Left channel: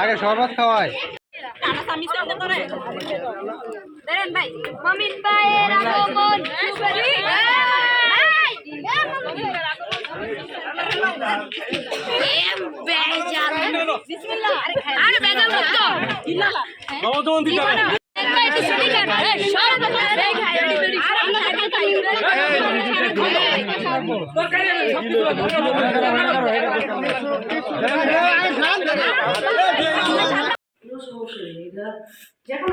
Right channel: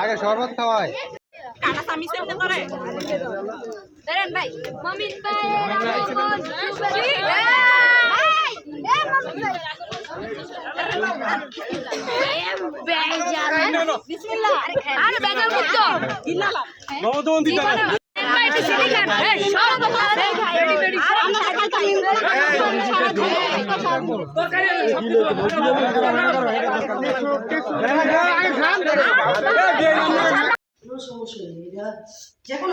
আগে শরবত খাওয়ায় ভাই। মমিন ভাইয়ের আগমন। আরে বেজাল মুক্ত। কোনো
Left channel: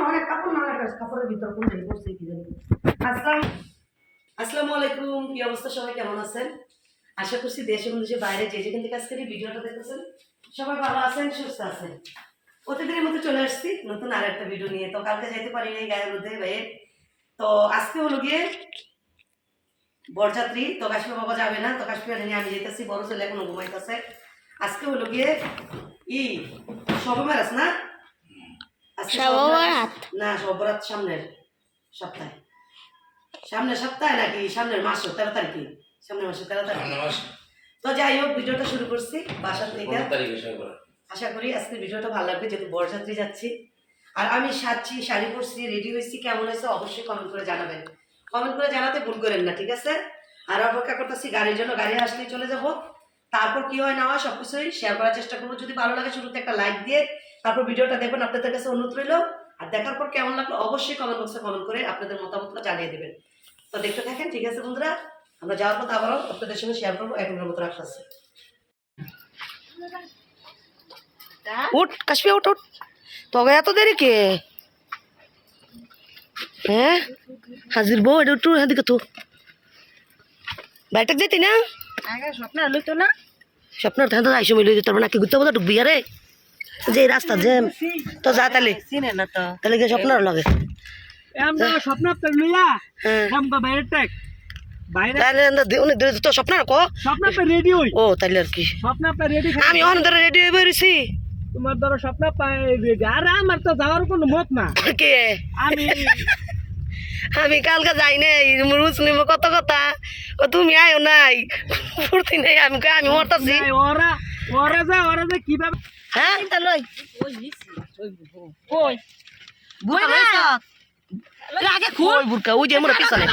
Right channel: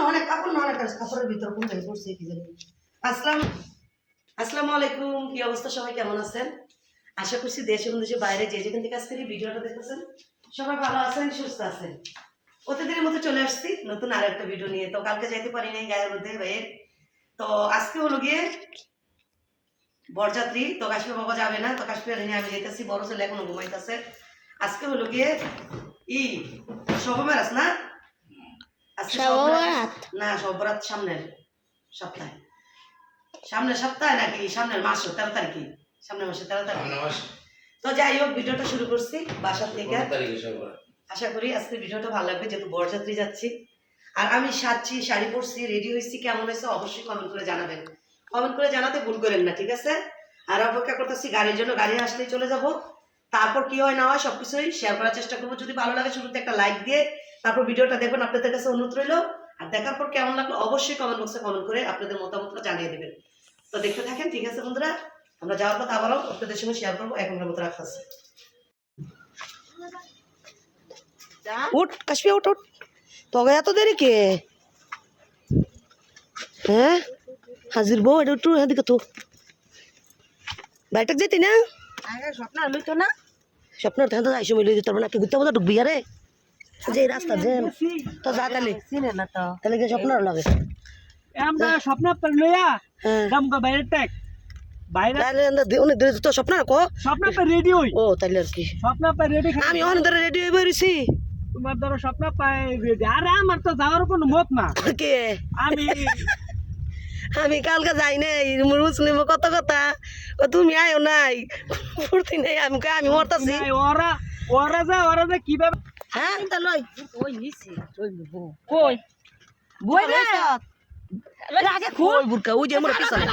অনেক কাপড় না অনেক কাপড়ের ভিতর কোন পড়ছে কি জানি। আসসালাম। আলাইকুম, কি অবস্থা? সবাই কেমন আছেন? আশা করছি দেশ এবং দেশের বাইরে যে যেখান থেকে আজকের ভিডিওটা দেখতেছেন, সবাই ভালো আছেন, সুস্থ আছেন। প্রতিদিনের মতো চলে আসছি নতুন আর একটা ভিডিও নিয়ে। তো কালকে যাইতে পারি নাই গায়ের মধ্যে ভাইয়ের। তো আজকে হলো গিয়ে বরযাত্রী তো কাশ্মীর বাবা যাবে না তো কাশ্মীর নিয়ে আমি যেতেছি বড় ছেলে এখনও ঘুমাইতেছে। আজকে হলো গিয়ে ই সবে মারাস না। না সবরাত সামনের সপ্তাহে। সামনের সপ্তাহে নাকি? সামনের মাস তেরো তারিখে। সামনের মাসে তেরো তারিখ। তো যাই হোক ভিডিওটা শুরু করছি বাসার থেকে আশা করি আজকের ভিডিওটা ভালো লাগবে, যেহেতু বরযাত্রী যাচ্ছি। আর আমি সাজছি, শাড়ি পরছি রেডি হয়েছি, কেমন হয়েছে অবশ্যই কমেন্ট করে জানাবেন। কমেন্ট করে জানাতে ভুল করেন না, ঠিক আছে? আর অপেক্ষা করতেছি গাড়ির জন্য, গাড়ি আসলেই চলে যাব। তারপর কি হয় না হয় সবকিছুই শেয়ার করার চেষ্টা করব। যদি ভালো লাগে শুরুতে একটা লাইক দিয়ে, তারপর ভিডিওটা দেখবেন, আপনাদের কাছে অনুরোধ রইল। আর দেখার পর কেমন লাগল অবশ্যই কমেন্ট বক্সে কমেন্ট করে আপনাদের মতামতটা জানিয়ে দেবেন। তো দেখতে থাকেন, ঠিক আছে বন্ধুরা? আমরা যাওয়ার পর আবারও আপনাদের সঙ্গে শেয়ার করব এখনকার মতো রাখতেছি। উঠ কাশ্মীর উঠ উঠ। তবে এত দেরি কে? হ্যাঁ? হাজির বউ এটা একটু এদিকে তো। বাইটাক যেতি না? স্বপ্ন লইতো না। স্বপ্নের ধান তো আইসো মিলে যেতে পারব না কি ঘুরতে বোধ ঢুকবি আরে। যে রাস্তা যে তো যা তাহলে। চিনে না তো। তাহলে গিয়ে স্বপ্নের লাগে। স্বপ্ন লইয়া। হ্যাঁ। বাইরে টাক তাহলে অনেক দূরে তো স্বপ্ন কো স্বপ্ন রেডি হই। ও তাহলে আর কি। স্বপ্ন রেডি আমি অনেক রেডি হয়ে বেরিয়েছি। তোমার ধরো স্বপ্ন পায় আর আমার তো যাওয়ার কোনো মত না। কে? আমি আমি কালকে যাই নাই মুসলিম কত কথা? ও তুমি আয়ো নাই। ফুর্তি নেই আমি আমি মরতাছি। ওরা ওরা যা ওরা যা কীভাবে হ্যাঁ? লই ওই নিছি কই? বুকা লইছ? আগে খোল। বুরকা ওই যে মোর পিছনে।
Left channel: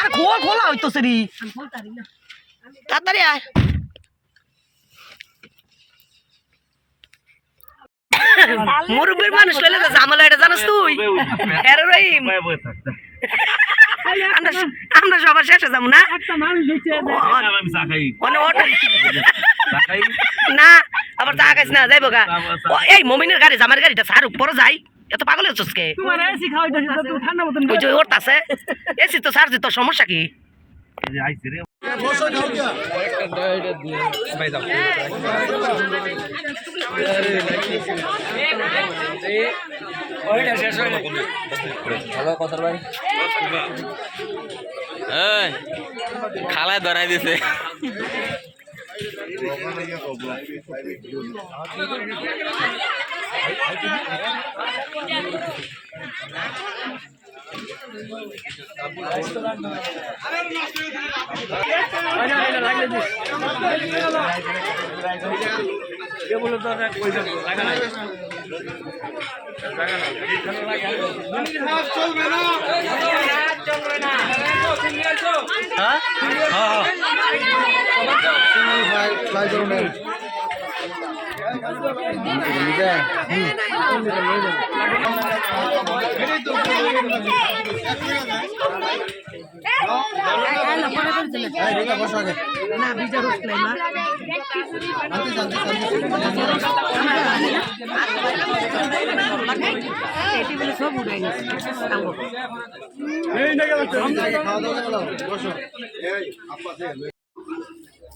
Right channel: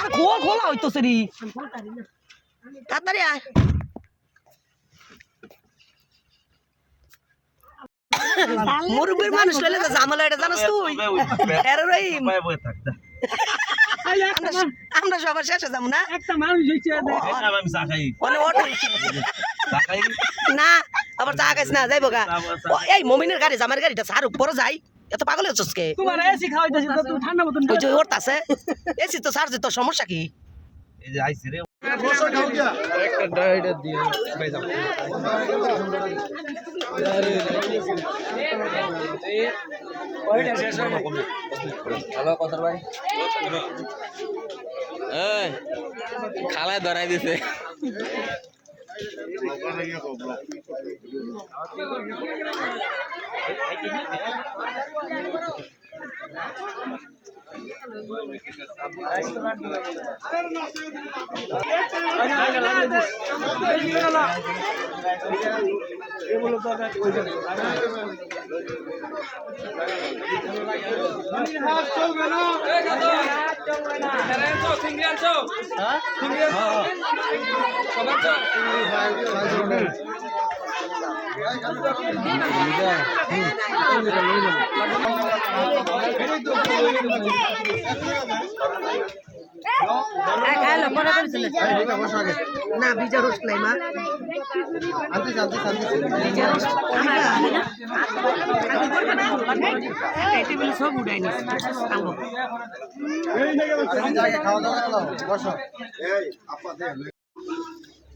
আর খোল খোলা। হইতো সেরি তাড়াতাড়ি আয়। মুরব্বীর মানুষ লইলে তো ঝামেলা এটা জানাস তুই। এর রহিম আমরা আমরা সবার শেষে যাব না? অটো। না আবার চা খাইস না যাইব গা। ও, এই মমিনের গাড়ি জামার গাড়িটা সার উপরে যাই। এত পাগল হচ্ছিস কে? তোমার এসি খাওয়াইতেছি তো ঠান্ডা মতন ওই যে ওরতাছে এসি তো সার তো সমস্যা কি? এই খালায় ধরাই দিছে না বিজা রোজ ক্লাইমা সব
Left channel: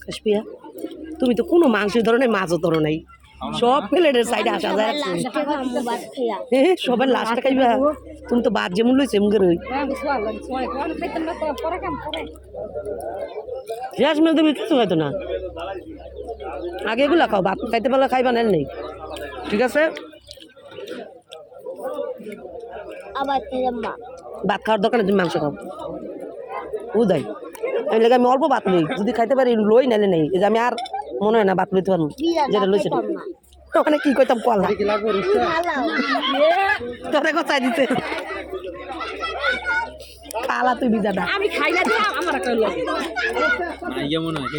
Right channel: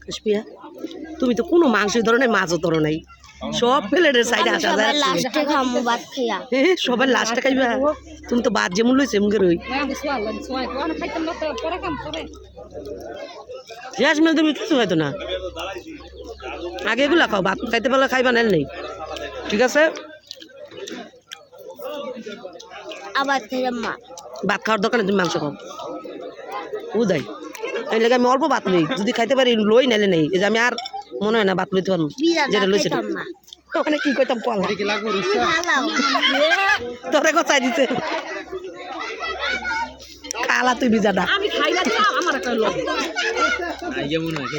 কাশ্মিয়া তুমি তো কোনো মাংস ধরনের মাছও ধরো নাই। সব প্লেটের সাইডে আসা যায় লাস্টে খামু ভাত খাইয়া এ সবাই লাস্টে খাইবা তুমি তো বাদ যেমন লইছে এমন রই। শেষ মেল তুমি কিছু খাইতো না। আগে এগুলা খাও ভাত খাইতে পারলে খাইবা নেন নেই। ঠিক আছে? আবার থেকে মা। ভাত খাওয়ার দোকানে তুমি মাংস খাও। উদয় এই লাগে আমি অল্প ভাত নেই। যদি খাইতে পারি লই নাইলে নেই। এই যে আমি আর মনে হয় না লইতে পারব। যেটা লইছে। ওখানে কি কইতাম কলা রুস্ত তোরে কথাই দিতে কালা তুই বিজাটা। আমি খাই না আমার একটা লোক আইয়া মনে হয়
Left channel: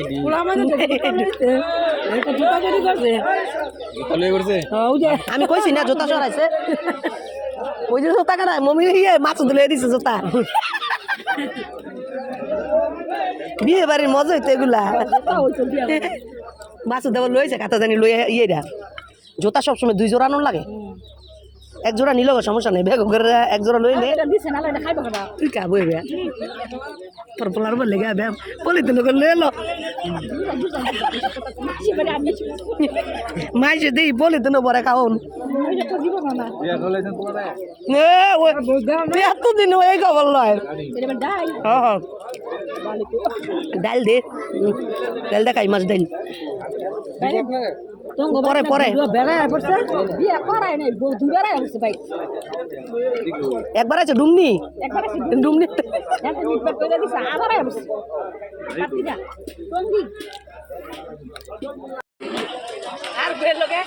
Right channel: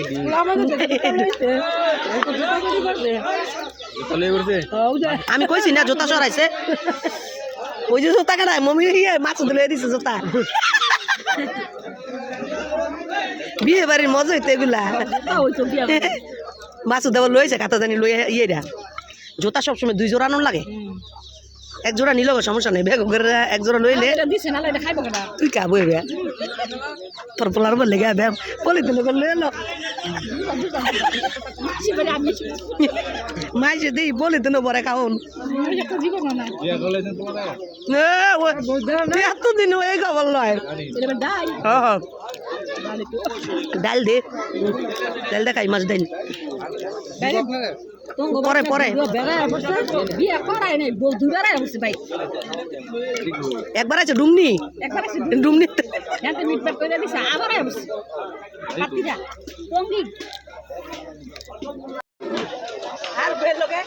আমি কইছি না জোতা সরাইছে। ওই যে জোতা কেনা মমি ইয়ে মাছ ধুলে দিছে জোতা। বিয়ে বাড়ির মজা হইতো এগুলা। মাছ দেওয়া লইছে কাতা জানি লই ইয়ে রা। জোতা সবসময় দুই জোড়া আনুন লাগে। এক জোড়া নিল সমস্যা নেই বেগ করে এক জোড়া লইলে। তুই কা বই বে তোর পোলার বললে গা ব্যাম বলি তো লোক লই এলো সেবারে আমি মাইছে দিই বলি তো বরে খাওন। ওই এতদিন এই খবর লয়। ডাল। দে ডাল দে। খাই মাছ ডাল। পরে পরে। একবার আছে ডুমনি? ডুমনি। হ্যাঁ আর বের লোকে?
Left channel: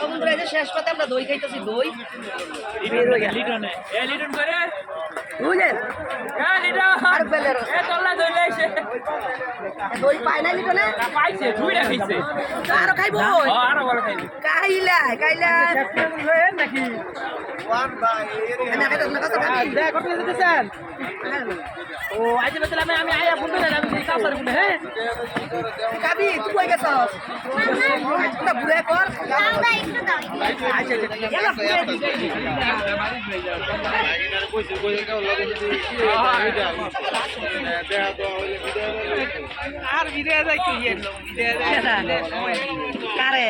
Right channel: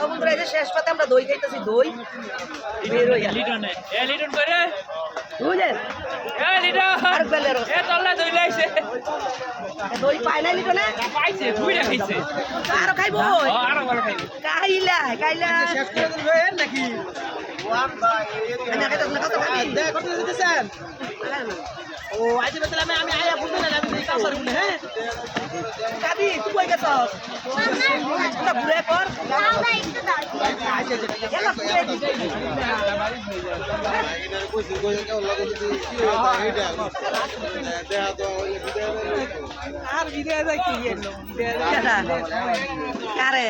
বন্ধুরা শেষ পাতে আমরা দই খাইতেছি দই। বের হইয়া বুঝলেন? আর বেলের দই পাই নাই লিটনে আরও খাইবো। কাইলা কাইলা। শেষ করে দিল নাকি? আমি খাইতাম না কত খাবি কত দিতেছেন? ও আজ বেতলা আমি আমি আয়া বলতে না আমি কাজ করি হ্যাঁ? খাবি তুই কই গেছস? না ঘুরে কর গেলা ঘুরে দিকে কইছি কই কেউ লাগে যদি কি এটা এটা দেয়া তো হইলে বিদায় আর বিদায় যাই কি এলো? বিদায় কারে?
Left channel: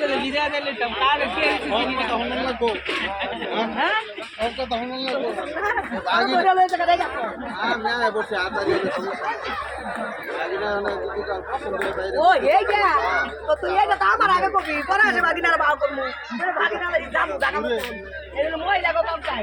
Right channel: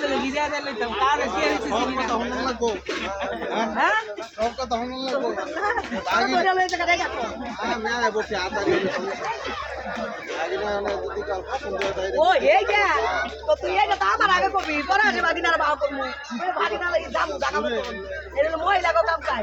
যাই বিদায় দিলে তো কার কি হইছে কথা আমি গেলে আগে না আমার আগে কবি পরে আসে বাদিনার বাও করমু তুই যাব জাগাবো মহিলা কাম চাই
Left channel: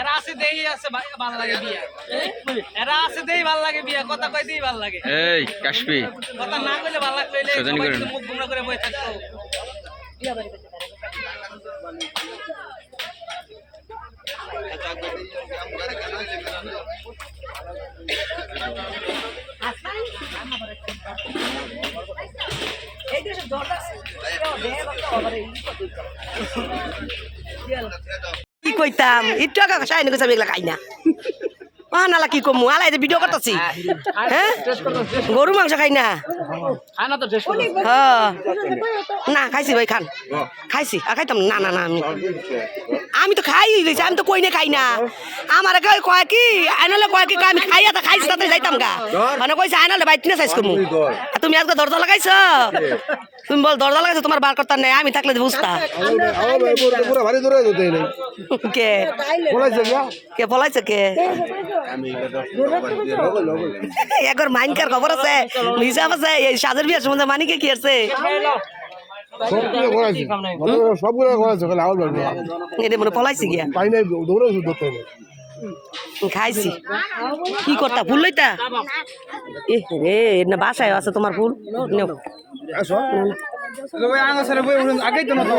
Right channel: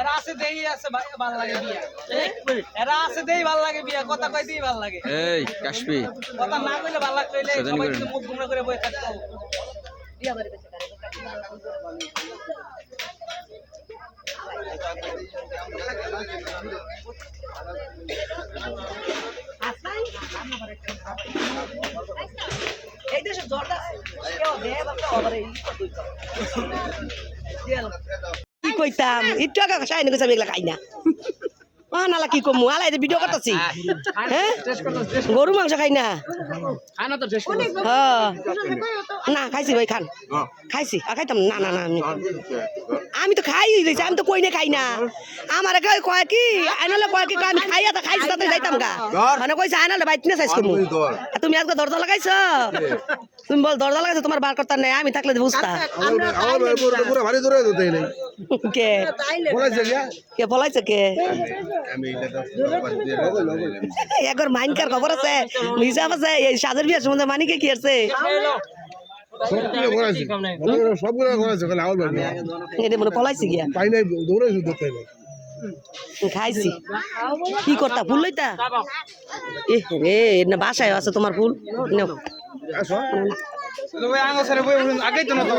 এরা আছে দেই আছে ভাই ভালো লাগে বিয়া। এরা আছে দেই ভালো লাগে বিয়া কথা কই দেই ভালো লাগে। এই কাশপি কথা না কইলে ভালো লাগতো এলে সজানি করেন। মুখ গুমরা করে বসে থাকতো। এই দেশে জর্দা আবার এই কইতাম একটু আগে সাইন কইতাম এগুলা খাই না। ও নালা কি কমু? আলাই ভিডিও করতেছি। হ্যাঁ গরু মাংস খাই না। হ্যাঁ। না খাইছি ভাই খান। খাইছি। আর খাইতাম না না না আমি আমি তো খাই দিয়েছি আমি তো কই না। খাই না আমার কয় কয় কি? আইনালে কয় কি আমি খাইয়া তা খাইছি তাতে যাইতাম গা। মানে কইছে আইনালে বাইক না সাইজ করব তুমি আজকে দরজা লাগাইছ? তুমি বল দরজা লাগাইছো তোমার বার করতে নাই আমি থাকলে বুঝতা। পুরো ভারী দূরে যেতে নেই। কে? গিয়া কে? কে আমি এটা লগল লগল একবার মাইনকার খবর আছে হিসাব আছে এই সাজের বিয়ার সম্বন্ধে মানিকে কি আছে? সবগুলো করাইছে। সবগুলো করাইছে খালি আউল বাড়ি এটা মনে পলাইছে গিয়া। পাই নাই দৌড়ে ধরতে খাইছি। কি করতা ফুল লইতা? এ রে না বাসায় আছে তোমার ফুল। নাও। আসো আগেই তো না তো।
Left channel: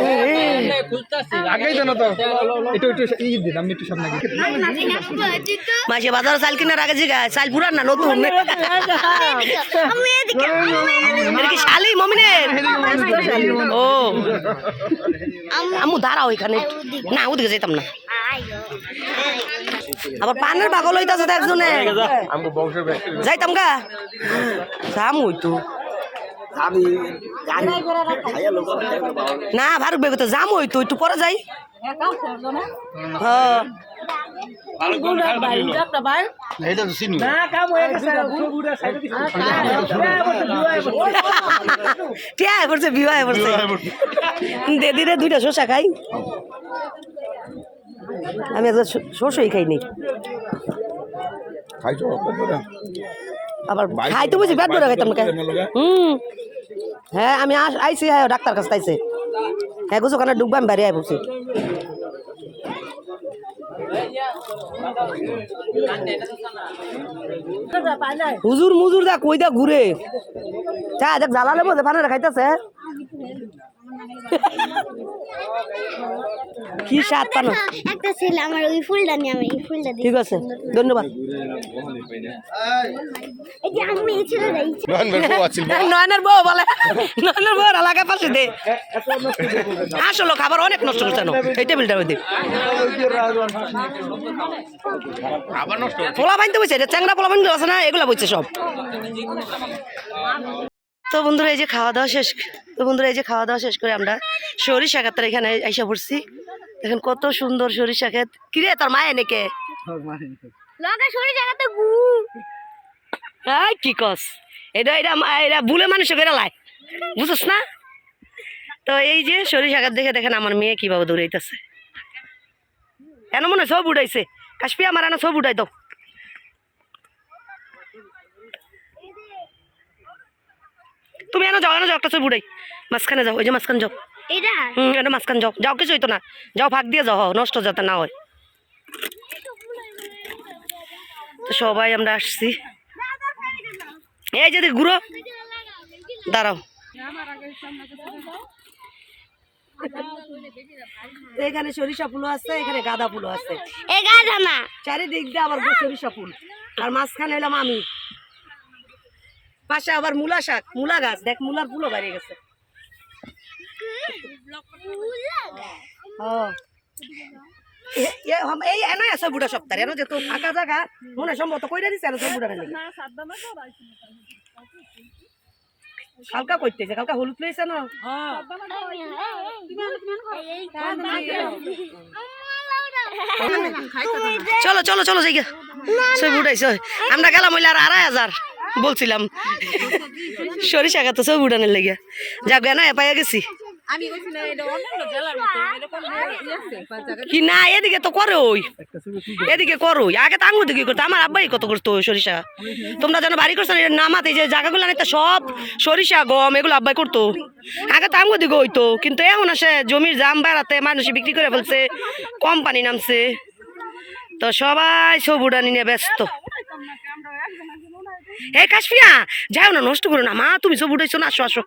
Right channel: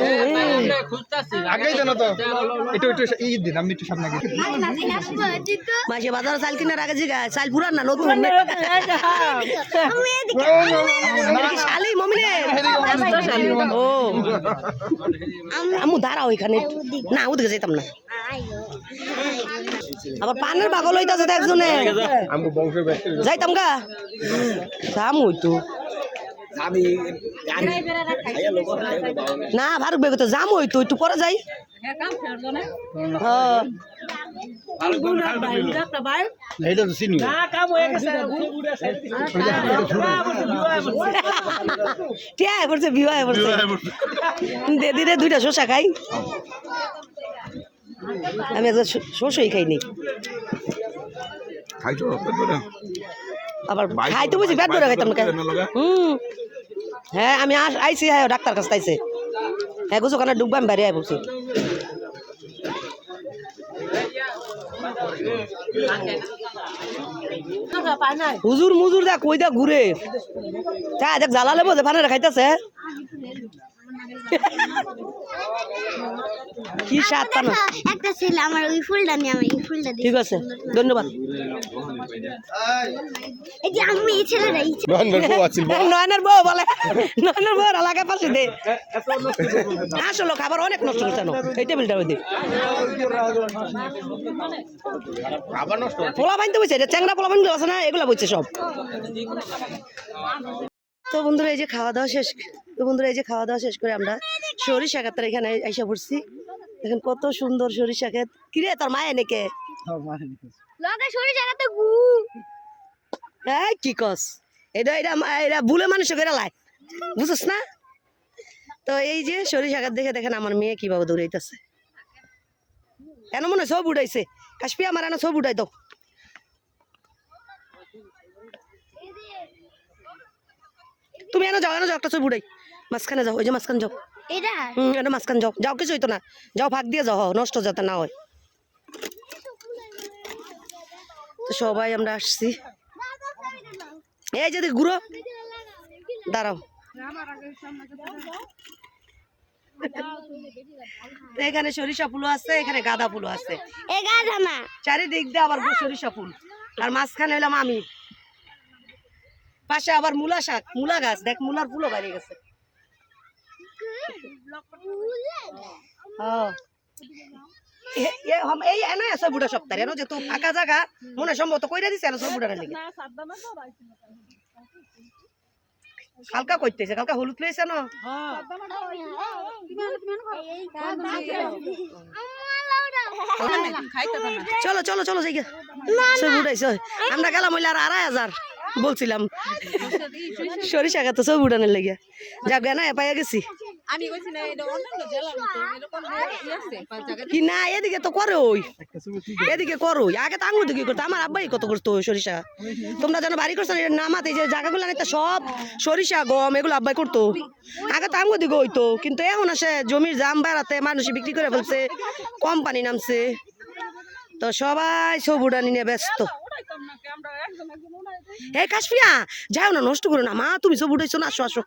আগেই তো না তো। একটু একটু ই দিন আমি একটু সামনে মাসে বাজার চাল কিনার আগে জিগা চাল পুরান না নতুন কি শালি মমিনের ও। আমু দাঁড়াও এখানে। না ওদিকে যেতাম না। আবার পানের বাগল হইতাছে তো একজনে আমি বংশের ব্যক্তি। যাইতাম গা। সামু হইতো। না ফারুক বেগে তো যাম ওই তো একটু পরে যাই। হ্যাঁ হ্যাঁ। একটা ভাই এইটা তো চিনি। কে আয় পড়ছে বিবাহ পড়ছে? দে দুইটা শসা খাই। আমি একদম শসই খাইনি আবার খাই তো বুঝি পেট ভরে খাইতাম না হুম। হ্যাঁ আমি আইসি হ্যাঁ ডাক্তার কাছে আইসে হ্যাঁ গুছো কানে ডুববা আমি বাইরে আয় হুজুর মুজুর দেখ কই দেখ ঘুরে? চা দেখ, জ্বালা লেবো ফানারে খাইতেছে কি স্বাদ পানা? একটা ছেলে আমার ওই ফুলটা নিয়ে আমি এই ফুলটা দিই ঠিক আছে ধন্যবাদ। এই যে আমি এই ছেলেটা এই নয়নের বউ বলে। নয়নের বউ এলাকায় পাশে দে। আসলো খাবার অনেক নষ্ট করছে না এই টেবিলটা ওই দে। পোলা বাইনতে বসে এটা চ্যাংরা পোলা বাইনতে আছে না এগুলো বইছে সব। তো বন্ধুরা এই যে খাওয়া দাওয়া শেষ তো বন্ধুরা এই যে খাওয়া দাওয়া শেষ করে আমরা সরিষা ক্ষেতের এখানে আইসা পড়ছি। দেখেন কত সুন্দর সরিষা ক্ষেত। কিরে তোর মায়ে নেকে কি? কস? এটা এটা মা- এটা বুলে মানুষ করে লাই বুঝছ না? তো এই যে সরিষা গাছ দেখে দেখেন আমার মেয়ে কীভাবে দৌড়াইতেছে কেন মনে হয় সব উঠাইছে। কাশপি আমার এনে সব উঠাই দাও। তুমি এনে যাও এনে যাও একটা ছবি উঠাই। মাঝখানে যাও ওই যে মাঝখানে যাও। এটা হুম এটা মাঝখানে যাও। যাও কিছু হইতো না। যাও ফাঁক দিয়ে যাও নষ্ট যাতে না হয়। তো সবাই আমরা আসছি। এই যদি ঘুরো। দাঁড়াও। এখানে সরিষা ফুলও আছে এখানে গাঁদা ফুলও আছে। চারিদিক দিয়ে আবার সরিষা ফুল। আর মাঝখানে হইলাম আমি। পাশে আবার মূলা শাক মূলা গাছ। দেখ মূলার ফুলও বাড়িয়ে গেছে। এই ফাঁকা মনে কইরা কালকা কইতেছে কালকা হলুদ না চলো চলো চলো যাই সব উঠাইছে আমরা গেলাম হইলে আর আড়াই হাজার বলছিলাম সরিষা তো সব উঠানের লেগে যাক না পাইয়া গেছি আমি কইছি না এটা অন্যান্য জেলার মতো এরকম আছে? পাঁচ জায়গা কি না এদিকে তো করে ওই এদিকে করো আগে তো আঙুর দিকে করতো? আমার আব্বাই কত করতো সরিষা? তোমরা যেন বাড়ি করছ নামাতে যে জায়গাগুলো নিতে সব সরিষা গম এগুলো আব্বাই করতো। আগে তো আঙুর দিকে হইতো কিন্তু এখন আসে জমির জাম বাড়াতে মানুষ বিক্রি করে ফেলছে কোম্পানি নামছে। তো সবাই সব উড়ানি নিয়ে ব্যস্ত। এই কাশফিয়া যাও না নষ্ট করো না। মা তুমি সব উঠেছো না আসো আসো।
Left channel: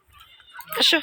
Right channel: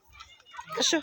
আসো।